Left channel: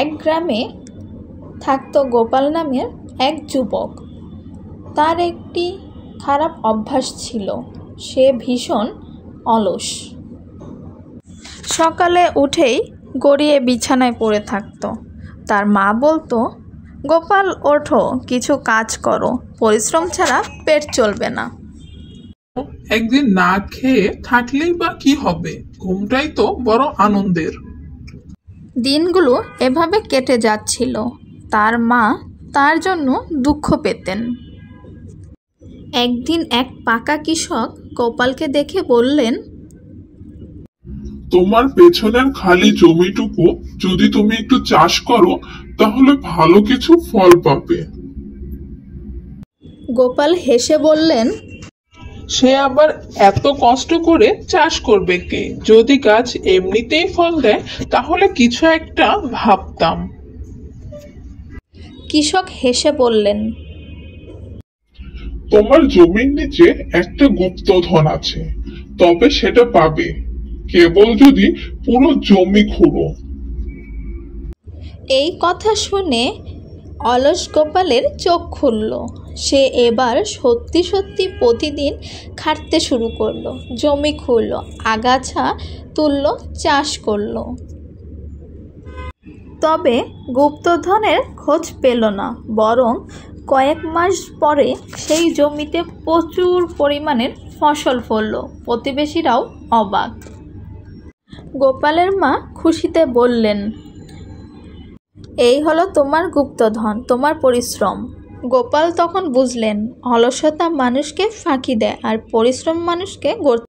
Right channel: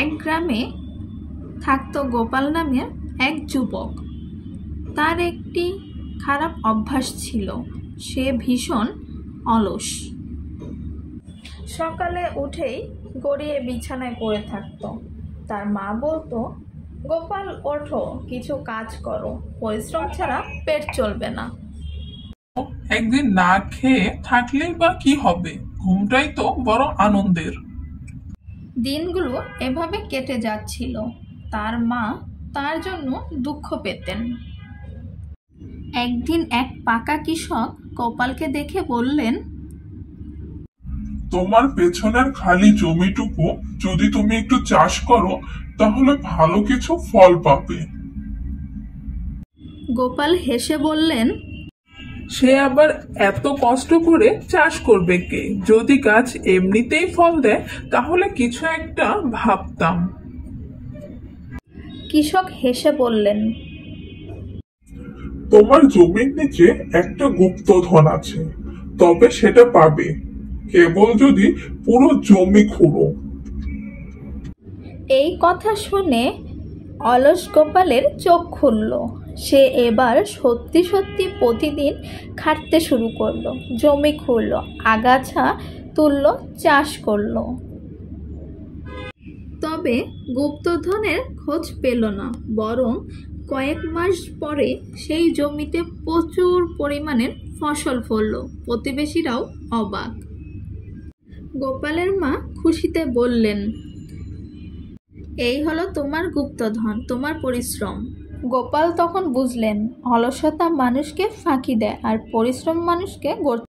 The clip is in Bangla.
এক গ্রামে থাকতো গোপাল নামের এক যুবক। তার একটি খারাপ অভ্যাস ছিল, সে ভীষণ অলস। সকালে উঠেই গড়িয়ে বিছানায় পড়ে থাকতো। তার মা বলতো, গোপাল ওঠো, কিছু কাজ করো, পরিশ্রম ছাড়া পেট চলবে না। একদিন না খেয়ে থাকলেই বা কি হবে, ঘুমটাই তো বড় আনন্দের। দিনগুলো এভাবে কেটে যাচ্ছিল। তার মা তার জন্য দুঃখ পেতেন। একদিন এক পাকা কৃষক গোপালকে দেখে বললেন, তোমার পেছনের খালি জমিটুকু যদি তুমি একটু চাষ করো, তাহলে ভালো কিছু ফল পাবে। গোপাল হেসে বললেন, সে আবার এত কষ্ট করে চাষ করবে কে? যদি গাছ এমনিতেই ফল দেয় তাহলে কিছু একটা ভাবতাম। কৃষক হেসে বললেন, তোমার জমির নিচে একটা গুপ্তধন আছে, তবে সেটা পাবে কেবল যদি পুরো জমি খুঁড়ো। এই কথা শুনে অলস গোপালের চোখ খুলল। সে এবার সত্যি সত্যি প্রতিদিন খাটতে শুরু করলো, জমি খুঁড়ল, আগাছা তুলল, চাষ করলো। তবে গুপ্তধনের খোঁজ পেল না, বরং কয়েক মাস পরে সেই জমিতে প্রচুর পরিমাণের ফসল ফলল। প্রতিবেশীরাও অবাক। গোপালের মা খুশিতে বললেন, এই হলো তোমার গুপ্তধন, তোমার পরিশ্রম। গোপাল তখন বুঝলেন, অলসতা মানুষকে ফাঁকি দেয় আর পরিশ্রম মানুষকে গড়ে